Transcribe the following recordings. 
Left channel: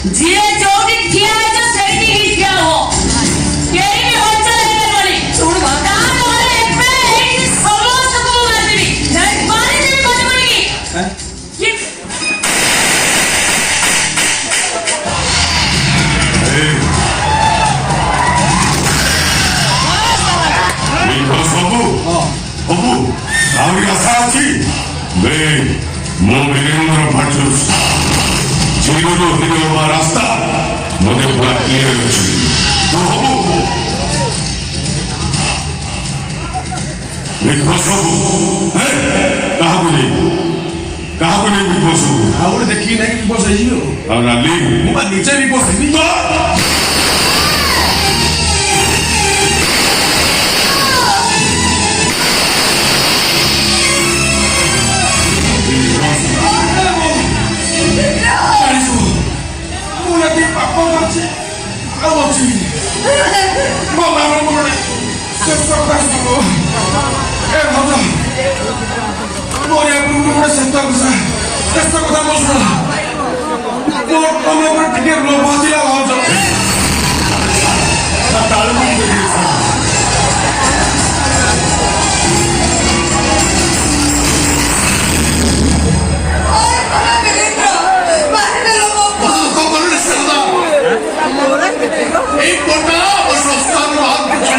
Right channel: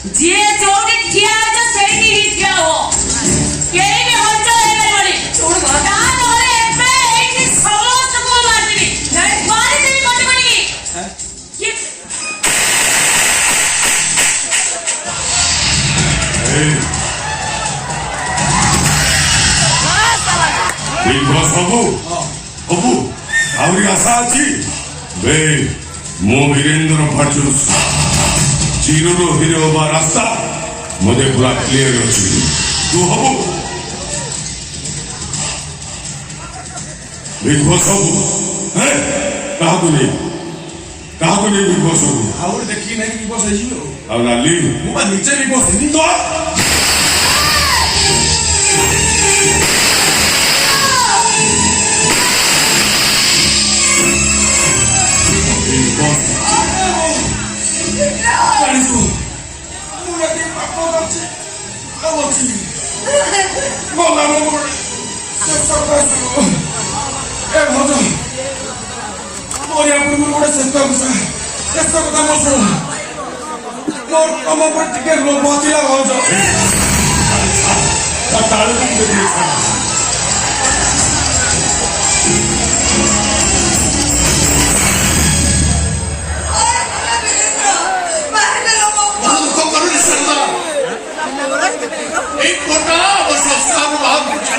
ଯିଏ ଯୋଉଠି ଠିଆ ହେଇଛ ସେଇଠି ହିଁ ଠିଆ ହୁଅ। କେହି ବି ହଞ୍ଚ ହେଇପାରିବନି। ତାପରେ ଏବେ ଏଇଠି ସମସ୍ତଙ୍କୁ ମାରିଦେବି। ମାରିଦେବି ଗୋଟେ କରିକି। ସବୁ ଆହୁରି ଆଶା ଅଛି। ମୁଁ ବୀରେନ୍ଦ୍ର ଭଟ୍ଟରାଜ ଚିରରୁ ହିରୋ ହେବା ରାସ୍ତା ମୋତେ ପୁରା କ୍ଲିୟର ଅଛି। ତୁ ହବୁ ବିଗ ବସ୍ ହବୁ। କାହାକୁ ନେଇ ବିଗ ବସ୍ ହବୁ? ଆଉ ଗୋଟେ ଦେଖିକି ନାଇଁ ବିଗ ବସ୍ ହେଇଯିବ। ଆଉ ରାଲି ମୁଁ ବା ନିଜେ ବିଗ ବସ୍ ହେବି।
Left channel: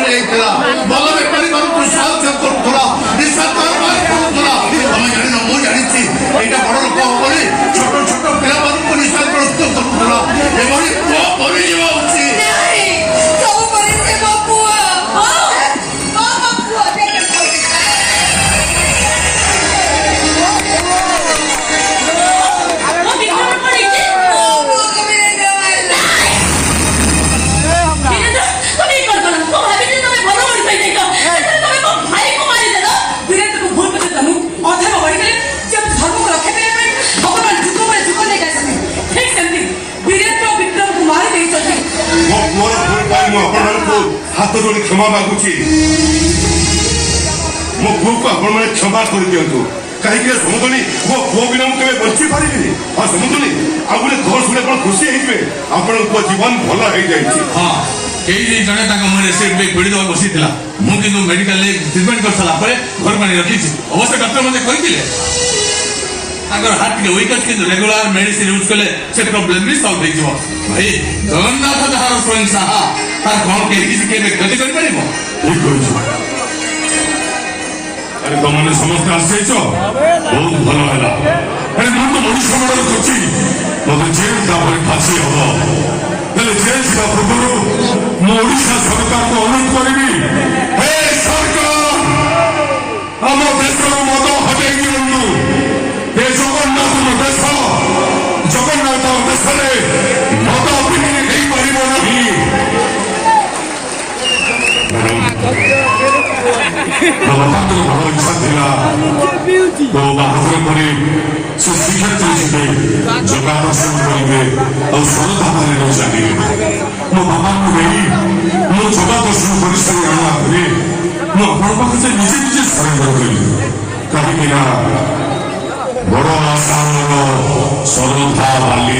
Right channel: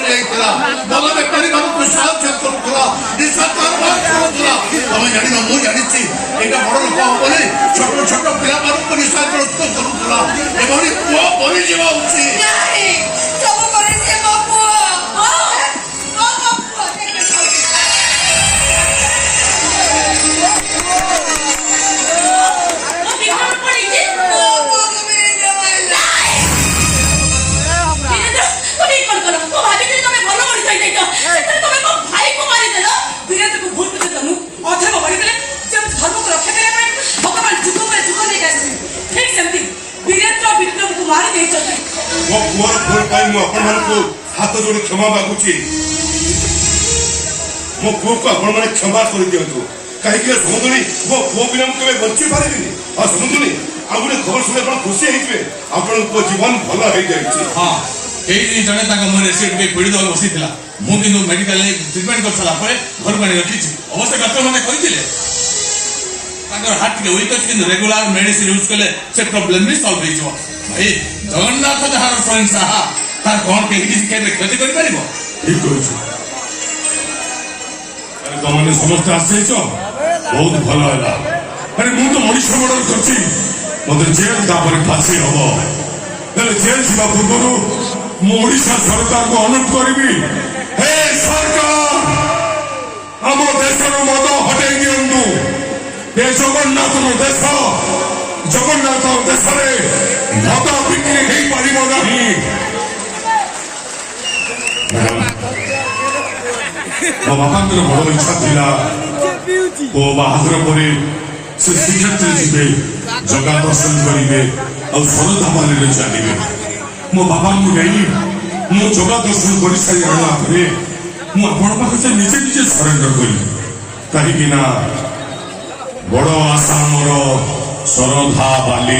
ଟିକେ ନଥିଲା ଭଲ ବେପାରୀ ମାନଙ୍କୁ ସାହାଯ୍ୟ କରୁଥିଲା, ନିଶା କାରବାର କରୁଥିଲା। ତମେ ଜାଣିନ, ମୁଁ ଜାଣିଛି ଏଇଟା ବଡ ଲୋକ ବୋଲି ଛୋଟ ଛୋଟ ପିଲାମାନଙ୍କୁ ନିଶାଗ୍ରସ୍ତ କରୁଥିଲା। ଏଭଳି ପୁଅ ମରିଯିବା ଉଚିତ। ଆପଣମାନଙ୍କୁ ହାତ ଯୋଡ଼ି କ୍ଷମା ମାଗୁଛି। ମୋ ପୁଅକୁ ଆପଣମାନେ କ୍ଷମା କରିଦିଅନ୍ତୁ। କାହିଁକି ସମୁଦୁଣୀ ମୋ ପୁଅ ବିନା ମୁଁ କେବେ ବଞ୍ଚି ପାରିବିନି। ହଁ ସମୁଦୁଣୀ, ଆଉ ଗୋଟେ ଘର ଶୁଣି ଆପଣ ଖୁସି ହେଇଯିବେ। ଆପଣଙ୍କ ଜୀବନ ଭଲ ହେଇଯାଇଛି। ହଁ, ଏଇଠି ଜଣେ ତାଙ୍କ ମୁହଁରେ ସିଟ୍ ପାଇଁ ପୀଡ଼ିତ ବସିଥିଲା। ମୁଁ କିନ୍ତୁ ମେଡିକାଲରେ ଟ୍ରିଟମେଣ୍ଟ କରିସାରିଲା ପରେ ଘରକୁ ଆଣି ରଖିଛି। ଅବଶ୍ୟ ଡକ୍ଟର ମୋତେ କହିଥିଲେ ତାଙ୍କର ହାର୍ଟ ଟିକେ ୱିକ୍ ଅଛି, କିନ୍ତୁ ରେଗୁଲାର ମେଡିସିନ ୟୁଜ୍ କଲେ ସେ ପ୍ରୋବ୍ଲେମ ବି ସଲ୍ଭ ହେଇଯିବ। ଭାଇ ଜଗନ୍ନାଥ ଯାହାର ସ୍ୱୟଂ ସାହା, ତାର କଣ କେହି କିଛି କେବେ କ୍ଷତି କରିପାରିବ? ଠିକ କହୁଛୁ। ଆରେ ତମମାନେ ସମସ୍ତେ ଆସିଛ, ବହୁତ ଭଲ ହେଲା। ଆରେ ମୁଁ ତ ମଣିଷ ମର୍ଡର କରିଛି, ମତେ ଜେଲ ତାପରେ ଫାଶୀ ହବ। ହେଲେ ଜେଲ ଯିବା ପୂର୍ବରୁ ମୁଁ ଓଡ଼ିଶା ସରକାରକୁ ଅନୁରୋଧ କରିବି, ହେ ସରକାର, ଆମ ଦେଶରୁ ମଦ ହଟେଇ ଦିଅନ୍ତୁ। ଏ ଜଗନ୍ନାଥଙ୍କ ଦେଶ, ଜଗନ୍ନାଥ ଦେଶରେ ମଦ ବିକ୍ରି ହେଇପାରିବ ନାହିଁ। ବାପାଙ୍କର ଭଲ ଇଚ୍ଛା ଥିଲା ମୋ ବାହାଘର ପରେ ସେ ଶ୍ରୀକ୍ଷେତ୍ର ଯିବେ, ଜଗା ଦର୍ଶନ କରିବେ, ଆଉ ଶରଧାମାରେ ଚାଲିବେ। ମୋ ବାପାଙ୍କୁ ନେଇ ମୁଁ ଜଗା ଦର୍ଶନ କରିସାରିଲା ପରେ ମୁଁ ଆପଣଙ୍କ ପାଖରେ ନିଜେ ନିଜେ ସରେଣ୍ଡର କଲି। କାହିଁକି ନା ବଡ଼ ଆସାମର ଶରଧା ବାଲି